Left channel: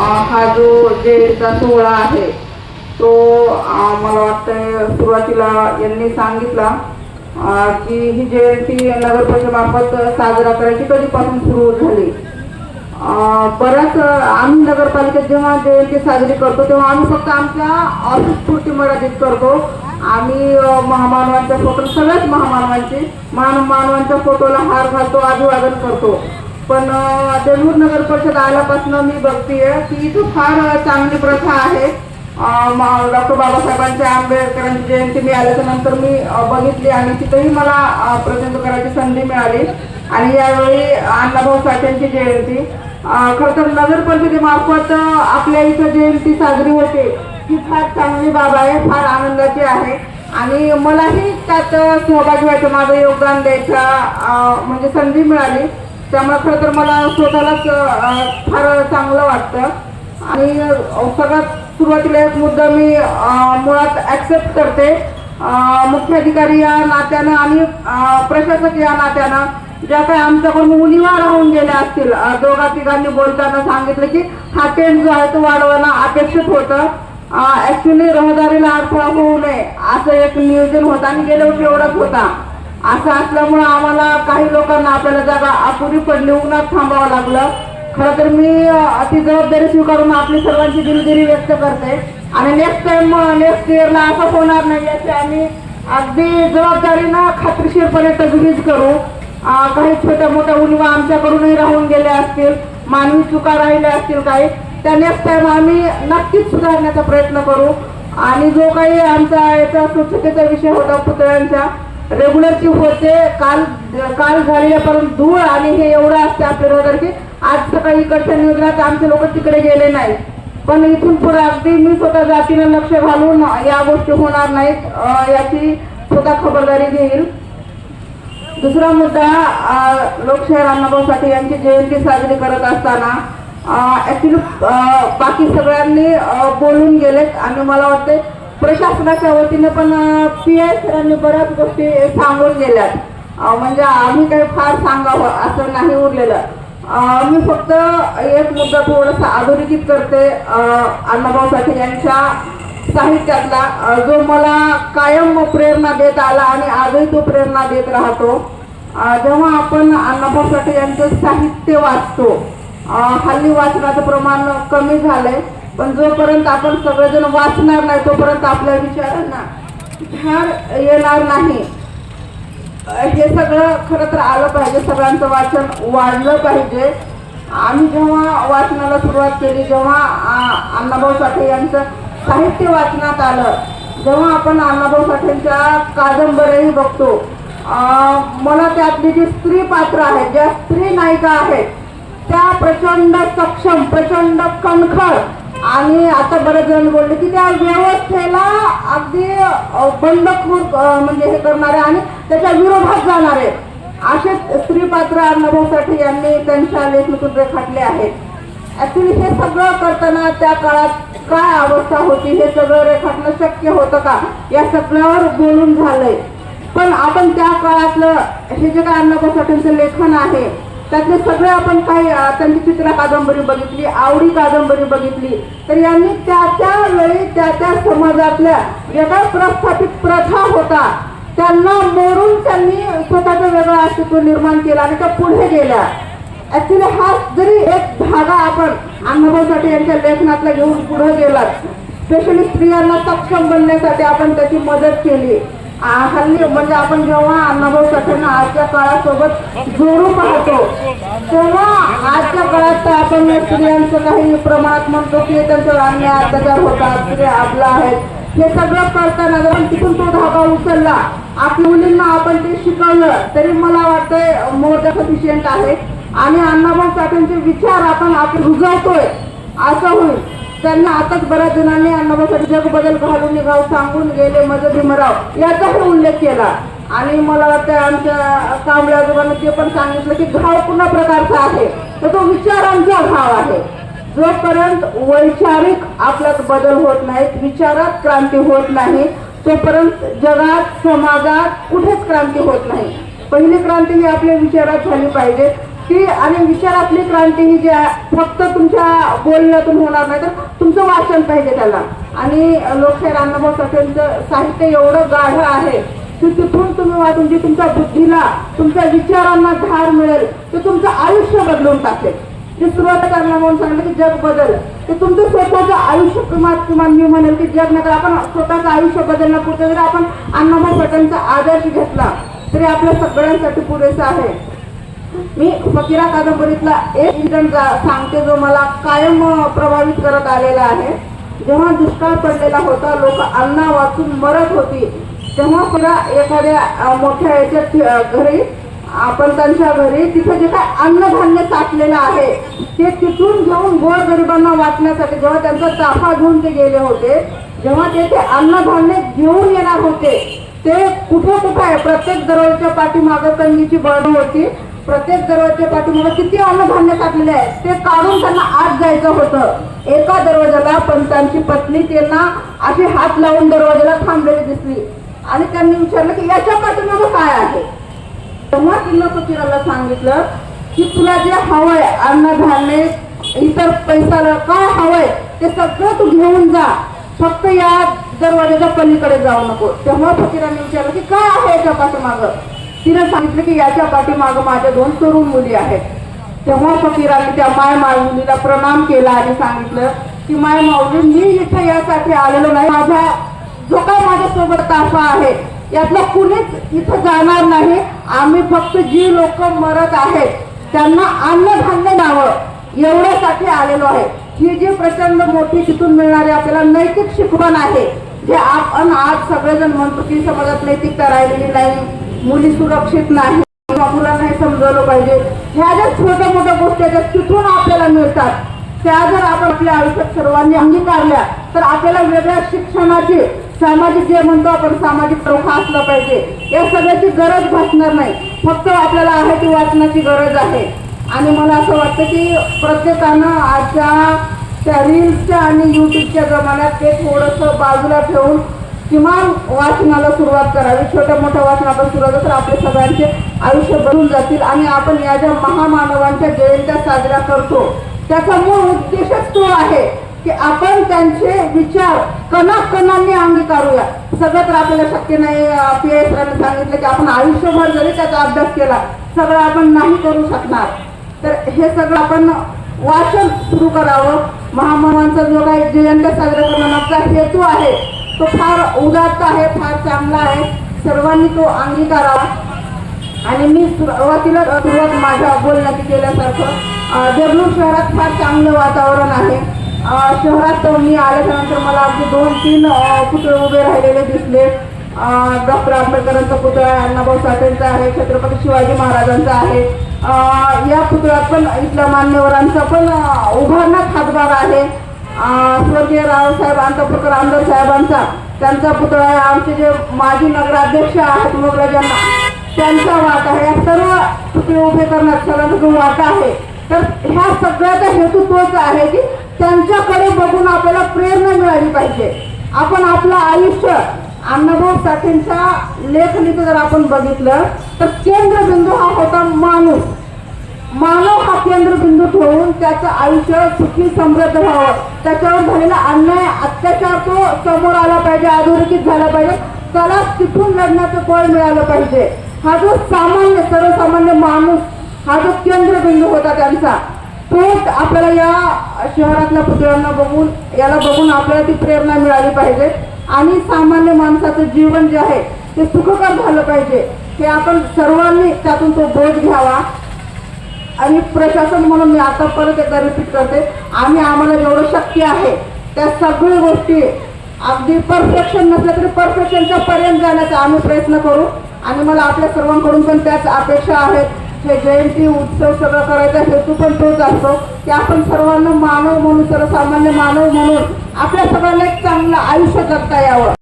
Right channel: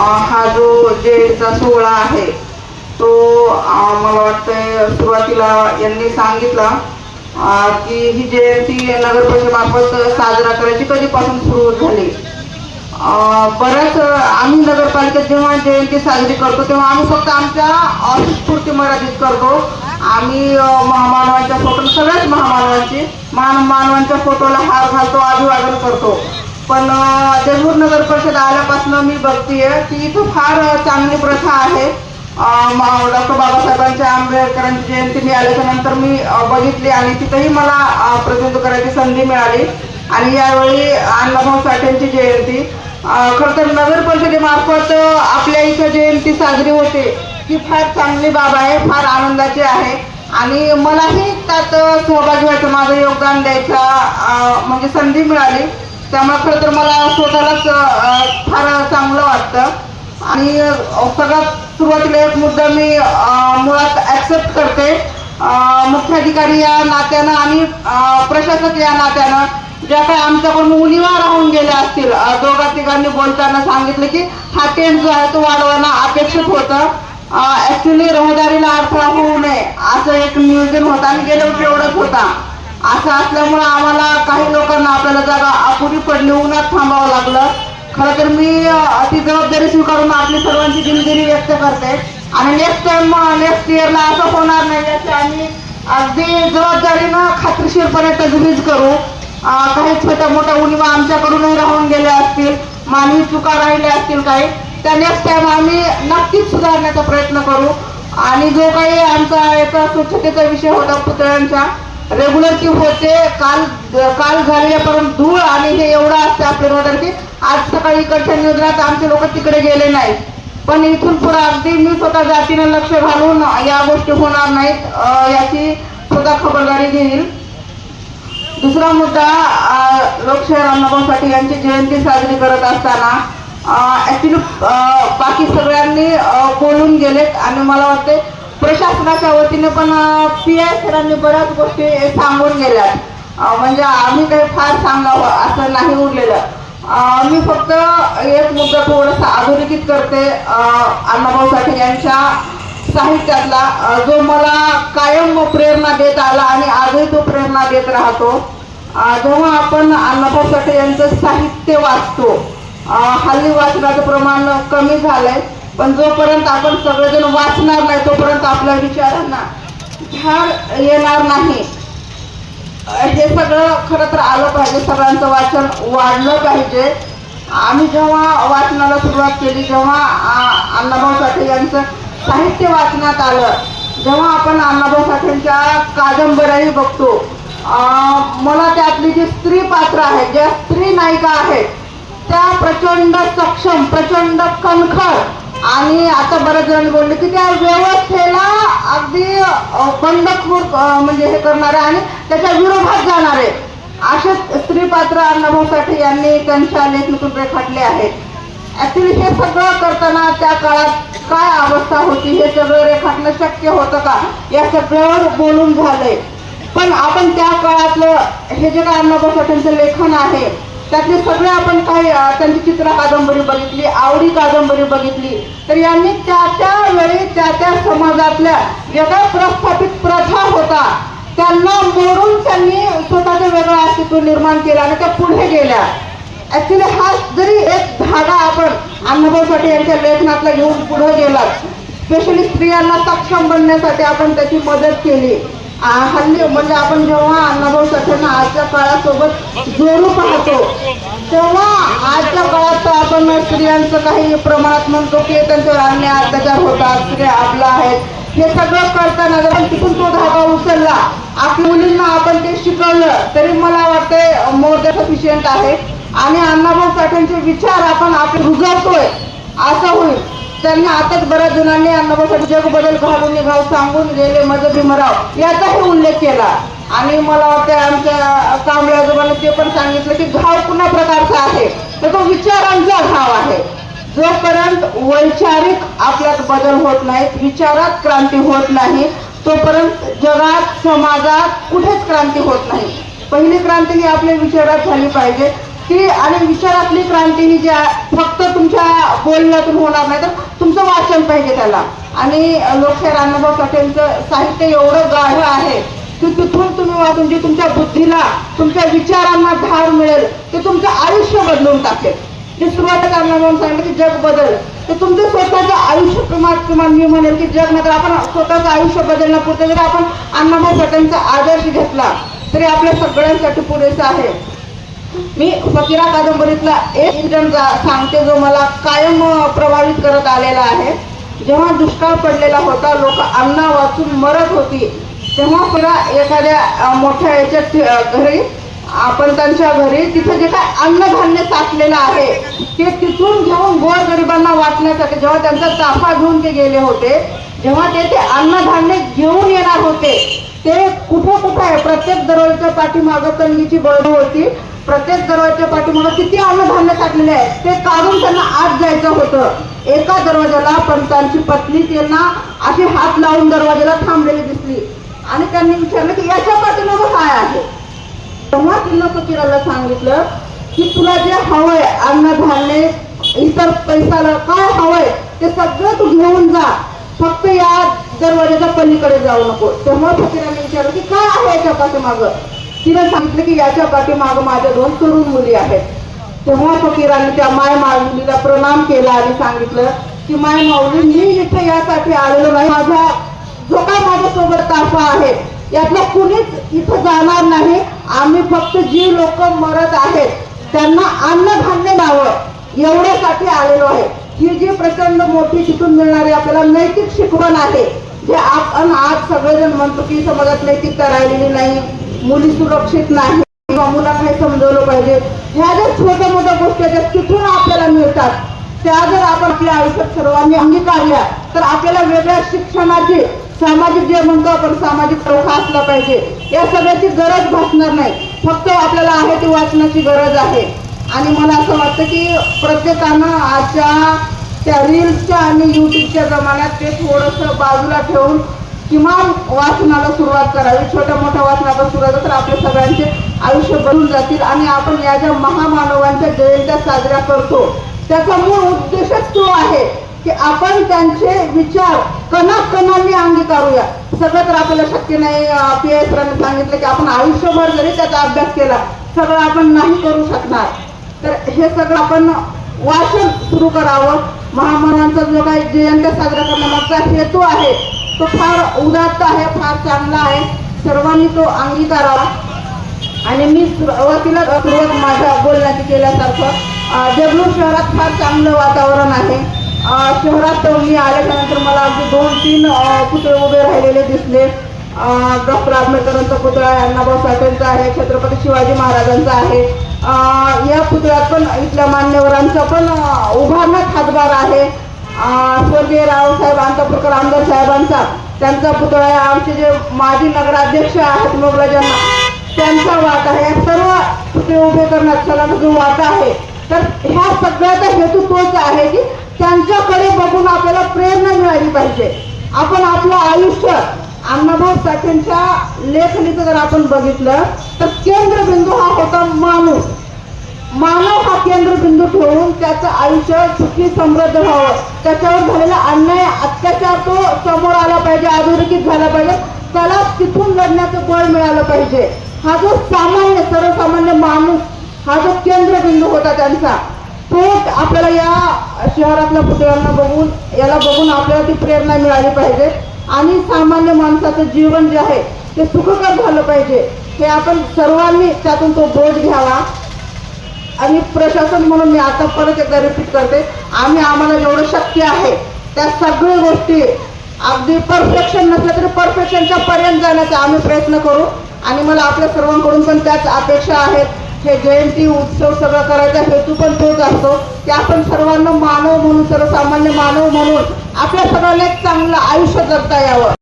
हा जो जयंतीचा सोहळा आहे तो मला वाटतंय सुरुवातीला यांनी सांगितला की ही जयंती नगर परिषदेमार्फत साजरा करायची कधीपासून सुरू झाली. बऱ्याच आम्ही नगरपालिकेत जेव्हा जयंती साजरी करतो तेव्हा आम्ही फक्त आमच्या ऑफिसपुरती मर्यादित करतो. आम्ही महामानवांच्या फोटो सगळ्याच महामानवांची महान मानवांच्या फोटोला हार घालतो अभिवादन करतो. पण अं, नगर परिषद आल्यापासून मी बघतीये की इथं फार चांगली प्रथा आहे. डॉक्टर बाबासाहेबांच्या आंबेडकरांची जयंती मी आल्याच्यानंतर मी बघितली आणि तिथंही मला प्रसिद्ध प्रतिनिधित्व करायची संधी मिळाली. आणि यावेळी अण्णाभाऊ साठेंची जयंती. खरं तर नगर परिषदेमार्फत आपल्या इथं जयंती साजरी होते. ही फार चांगली बाब आहे फार आनंदाची आहे. आणि मलाही त्यात सहभागी व्हायचं माझं योगदान द्यायचं म्हणजे संधी मिळाली. त्यामुळे खरं तर मला स्वतःलाच फार चांगलं वाटतं. आणि सगळ्यात सुरुवातीला एक मुद्दा मी मुळात ॲक्सेप्ट करते. मुख्याधिकारी या नात्यानं आणि प्रशासक या नात्यानं ज्या काही आमच्याकडून उणिवा राहून गेल्या असतील दोघा तिघांनी बोलताना सांगितलं की हा टेंट जो आहे तो वाढवणं अपेक्षित होतं. ॲक्च्युली रहदारीला अडथळा होऊ नये असं एक नियोजन होतं आणि गेल्या वर्षी एवढंच होता. असं असल्यामुळं आम्हाला काही लोकांना आपल्याला जागा अपुरी पडली. उन्हात थांबावं लागलं. खरं तर मी ती जबाबदारी स्वीकारून आपली सर्वांची दिलगिरी व्यक्त करते. आणि नेक्स्ट टाइम नेक्स्ट इयरला असं होणार नाही याची आम्ही अगदी जबाबदारीनं खात्रीशीरपणे तजवीज करू. काही छोट्या मोठ्या उणीवा आमच्याकडूनही राहून गेल्या असतील. मानवी चुका राहिल्या असतील काही. त्या नेक्स्ट टाइम आम्ही नक्कीच सुधारण्याचा प्रयत्न करू. आणि जो काही आमचा याचा स्वच्छतेचा विषय होता पुतळ्यांच्या रेग्युलर की होते काल काल झालेल्या परंतु धूळ आणि हे एवढं असते आपल्या रोदर की आज सकाळी इकडच्या नियोजनात आमचे लोक तिकडे गेले नाही पण इथून पुढे अगदी मी स्वतः जातीनं लक्ष घालून या गोष्टी होणार नाहीत याची स्वतः खबरदारी घेईल. दुसरा मुद्दा अं, लोकशाहीर साठे यांची जयंती साजरी करत असताना ॲक्च्युली बाकी सगळ्यांनी बोलून गेलेत आणि मला वाटते प्रशासनाच्या वतीने पण पी आय सरांनी बऱ्याच गोष्टी सांगून गेल्यात. म्हणजे आम्ही काही फार सांगावं असं नाही उरलेलं. मी फक्त एक मुद्दा थोडासा अधोरेखित करते अण्णाभाऊ साठे यांच्या साहित्यातला. जो मला कायम प्रेरणा देत आला आणि आजही तो प्रेरणा देत राहतो. जेव्हा आपण अण्णाभाऊ साठे यांचं साहित्य वाचतो हल्ली वाचनाचं प्रमाण कमी झालंय. पण जोपर्यंत आपण सगळेजण वाचणार नाही तोपर्यंत आपल्या विचारांना झाड येणार नाही. हे सगळं खरं तर आलं पाहिजे सगळ्यांचं वाचन वाढलं पाहिजे. आम्ही जेव्हा वाचनाला सुरुवात केली जेव्हा आ, अण्णाभाऊ साठे यांचं साहित्य वाचण्यात आलं जेव्हा आपण अण्णाभाऊ साठेंच्या कादंबऱ्याही बघतो मला त्यातली जी स्त्री पात्र आहेत ज्या स्त्री नायिका आहेत त्या प्रचंड सक्षम प्रचंड कणखर आणि आता बरेच जण बोलले की त्या व्यवस्थेला अगदी बंडखोर म्हणजे हे करणारे आणि त्याच्या विरोधात जाणारे. असे स्त्री पात्र अण्णाभाऊ साठे यांनी त्यांच्या लेखनातून रेखाटले आहेत ऍक्च्युली हे सगळं करताना त्या काळात काय अवस्था होती हे सगळं रेखाटणं शक्य होतं का? या सगळ्यावर बोलून झालंय. पण आपण त्या काळातलं हे जे काय अण्णाभाऊ साठेंचं लेखन आहे त्यातले सगळे आपण काही त्यांची चित्र कादंबरी बघितली आवडी कादंबरी बघितली. तर यांनी त्या त्या वेळी त्या त्या समाजातल्या ज्या काही प्रस्थापित प्रथा होता. त्यांना मोडून त्यांनी स्वतःचं वेगळं अस्तित्व निर्माण केलं आणि त्या पुढे गेल्या. ऍक्च्युली हा जरी एक धागा आपण अण्णाभाऊ साठे यांच्या लेखनातला घेऊन पुढे गेलात स्पेशली स्त्रियांना सक्षम बनण्यासाठी आपण त्याची मदत केली. हल्ली म्हणजे आपण जेव्हा अण्णाभाऊ साठेंना आजच्या काळासोबत जोडू पाहतो तेव्हा आजच्या काळात तर आपण स्त्रियांचं काही प्रमाणात म्हणतो की त्यांच्यावर अन्याय अत्याचार होतात स्त्रिया आपला आहेत. हे सगळं करताना जर तिथून तो धागा उचलला आपल्या मुलींना आपण ते शिकवलं तरी मला वाटतंय मोर सफिशियंट आहे. आणि अण्णाभाऊ साठेंचे विचार आपण आपले रुजवतोय असं होईल. त्यांनी आताच बऱ्याच जणांनी अण्णाभाऊ जग बदल घालून निघाव सांगून गेले मज भीमराव याचाही उल्लेख केला. आणि मला वाटतं आमच्या कांबळे आजोबांनी ते पण सांगितलं की घाव पुन्हा प्रकारचा आहे? तर तो विचारांचा घाव आहे. जोपर्यंत वैचारिक आपल्यात बदल होत नाहीत विचारात क्रांती होत नाही तोपर्यंत जगात समाजात कुठेच क्रांती होत नाही. पहिली क्रांती ही आपल्या विचारात झाली पाहिजे. की आणि विचारातली क्रांती ही जी फक्त तुमच्या बोलण्यातून होणार नाही. तर तुमचं वाचन पाहिजे त्याला. आणि लोकशाहीर अण्णाभाऊ साठेंचं साहित्य एवढं गाढ आहे की तिथून तुम्ही वाचून जे तुमच्या बुद्धीला तुमच्या विचारांना धार मिळेल ते तुमचं आयुष्य बदलून टाकेल. जे सुरुवात करणार म्हणून सांगितलं की जग बदल. तर तुमचं स्वतःचं आयुष्य किंवा किंवा मी म्हणेल की जग नंतर आपण स्वतःचं आयुष्य बदलण्यापुरतं जरी आपण अण्णाभाऊ साठेंचा आदर्श घेतला तरी आपल्या सगळ्यांसाठी पुरेसा आहे. मी फकीरा कादंबरीतला एक इन्सिडेंट सांगते जो मला कायम प्रभावित करत आलेला आहे. जेव्हा दुष्काळ पडलेला होता लोक अन्न वाचून मरत होती. तेव्हा फकीरा एखाद्या मोठ्या याच्यात घरी आपण त्यांच्या घरी तिथे जे काय अन्नधान्य साठलेलं आहे ते तिथून घेऊन गोरगरिबांना वाचण्यासाठी जेव्हा त्यांचा ताफा घेऊन ते गेले होते जेव्हा ते ते अन्नधान्य घेऊन येणार होते ते कुठं कुठं आहे? प्रत्येक दरवाजाच्या पाठीमागं कंगीची बळ होती. प्रत्येक दरवाजाच्या पाठीमागं किती अन्नधान्य साठलेले आहे ते काढून त्यांना आत जायचं होतं. एका दरवाजाला पण त्यांची पत्नी त्यांना असे हात लावून दरवाजाला थांबलेली दिसली. आणि त्यांनी विचारलं की याच्या पाठीमागं काय आहे? तेव्हा तिनं फकीराला सांगितलं की तुला जे हवंय अन्नधान्य इतर पैसाला काय हवंय ते सगळं तू घेऊन जा. फक्त या दरवाजाच्या पलीकडे जाऊ नको. तेव्हा फकीराने विचारलं की काय आहे याच्या पाठीमागं? तिने सांगितलं की याच्या पाठीमाग माझ्या दोन तरुण मुली आहेत. तेव्हा फकीराने त्या माय माऊलीला प्रणाम केला आणि सांगितलं की माय माऊली मी इथे यासाठी आलेलो नाही. माझा जो काय माझ्यासोबत ताफा आहे यातलं कुणीच इथं जाणार नाही. आम्ही फक्त जी लोक मरत आहेत त्यांना अन्नधान्य द्यावं. एवढ्यासाठी आलेलो आहे. ही जी प्रचंड मोठी तिथून मिळणारी आपल्याला नैतिक शिकवण आहे जे आपण आज सगळेजण म्हणतो की समाजात नैतिकता राहिलेली नाही. मुली सुरक्षित नाही. किंवा मुलांना हे समजवलं पाहिजे. ह्या ज्या छोट्या मोठ्या गोष्टी आहेत त्या तिथून आपल्याला मिळतात. त्या जर आपण आपल्या आयुष्यात सर्वांनी अंगीकारल्या तर आपल्याला वेगळ्या शिक्षणाची सामाजिक जे म्हणतो आपण सामाजिक चौखा असला पाहिजे. या सगळ्याची गरज भासणार नाही. फक्त आपल्याला आहे ती वाचनाची गरज आहे. आणि मला असं वाटतं की प्रत्येकानं आजच्या त्या रील्सच्या आणि युट्यूबच्या जमान्यात ते थोडंसं बाजूला ठेवून किमान वाचनाला सुरुवात करावी. छोट्या मोठ्या वाचनाला सुरुवात तर आपले सगळ्यांचे आयुष्य बनून जातील आणि आपण या ज्या महामानवांच्या जयंत्या साजऱ्या करतो त्याचा मूळ उद्देशच तो आहे की आपण त्यांचे विचार कणाकणांनी अंगीकारूया सगळं तर आपल्याला शक्य नाही. पी सरांनी सांगितलं की आपण आयुष्यभर जरी त्याचा अभ्यास केला सगळं आपण नाही करू शकणार. तर हे सगळं आपण वाचन सुरू करावं. महामानवांचा जो काही जयंत्या साजरा करण्यामागचा हेतू आहे तो फार उदात्त आहे फार चांगला आहे. सर्वांनी तो अंगीकारावा. आणि मी सुरुवातीला सुरुवात माझ्या बोलण्याची केल्यासारखं देगलूर शहरात फार चांगलं वातावरण आहे. शहरात मी आल्याच्यानंतर मला अगदी दोन तीन पुतळे उभे राहिलेले दिसले. डॉक्टर आंबेडकरांचा पुतळा आहे अण्णाभाऊ साठेंचा आहे छत्रपती शिवाजी महाराजांचा आहे. या पुतळ्यात पण इथल्या मान्यवरांचा पण उभारण्यात हातभार आहे. स्वर्गीय रावसाहेब अंतपूरकर आमदार साहेबांचा त्यांचा पुतळा आहे. आमचे जे माजी नगराध्यक्ष आहेत मोगराजांना त्यांचा वाटा आहे. या सर्व पुतळे उभे करण्यात सगळ्यांचा जो वाटा आहे. तर ह्या सगळ्याचा हेतू तोच आहे की त्यांच्याकडे बघून आपल्याला प्रेरणा मिळाली पाहिजे. आपण आपलं आयुष्य अण्णाभाऊ साठेंच्या लेखणीचं जर आपण बघितलं तर केंद्रबिंदू हा होता माणूस. मानव हा केंद्रबिंदू ठेवून त्याचं आयुष्य सुखी समृद्ध व्हावं. त्याच्यावर झालेला अन्याय अत्याचार तो समोर आला पाहिजे अधोरेखित झाला पाहिजे. त्याला तिथून लढण्याचं बळ मिळालं पाहिजे. हा जो सामान्य सर्वसामान्य माणूस हा जो केंद्रबिंदू होता त्यांचा तो आपल्याला या शहरातल्या पुतळ्यांना बघून याला बघून आपल्याला ती प्रेरणा मिळाली पाहिजे. आणि सामान्य माणसाचं जीवन जे आहे ते सुखकर झालं पाहिजे. हे आपण सर्वांनी त्यातून तो बोध घ्यावा. आणि प्रशासन म्हणून मी आता परत एकदा रिपीट करते आम्ही आम्हाला जेवढं शक्य आहे त्या सगळ्या गोष्टी अगदी परफेक्शन नसलं तरी परफेक्शनच्या पर्यंत जाण्याचा आम्ही प्रयत्न करू. आणि मला आपल्या सर्वांकडून पण त्याच अपेक्षा आहेत. हे जयंती उत्सव सगळं करायचा हेतू पण तोच असतो. की आपण सर्वांना मानव म्हणून सर्वसामान्य मानव म्हणून आपल्या सगळ्यांना एक चांगलं आयुष्य जगता यावं.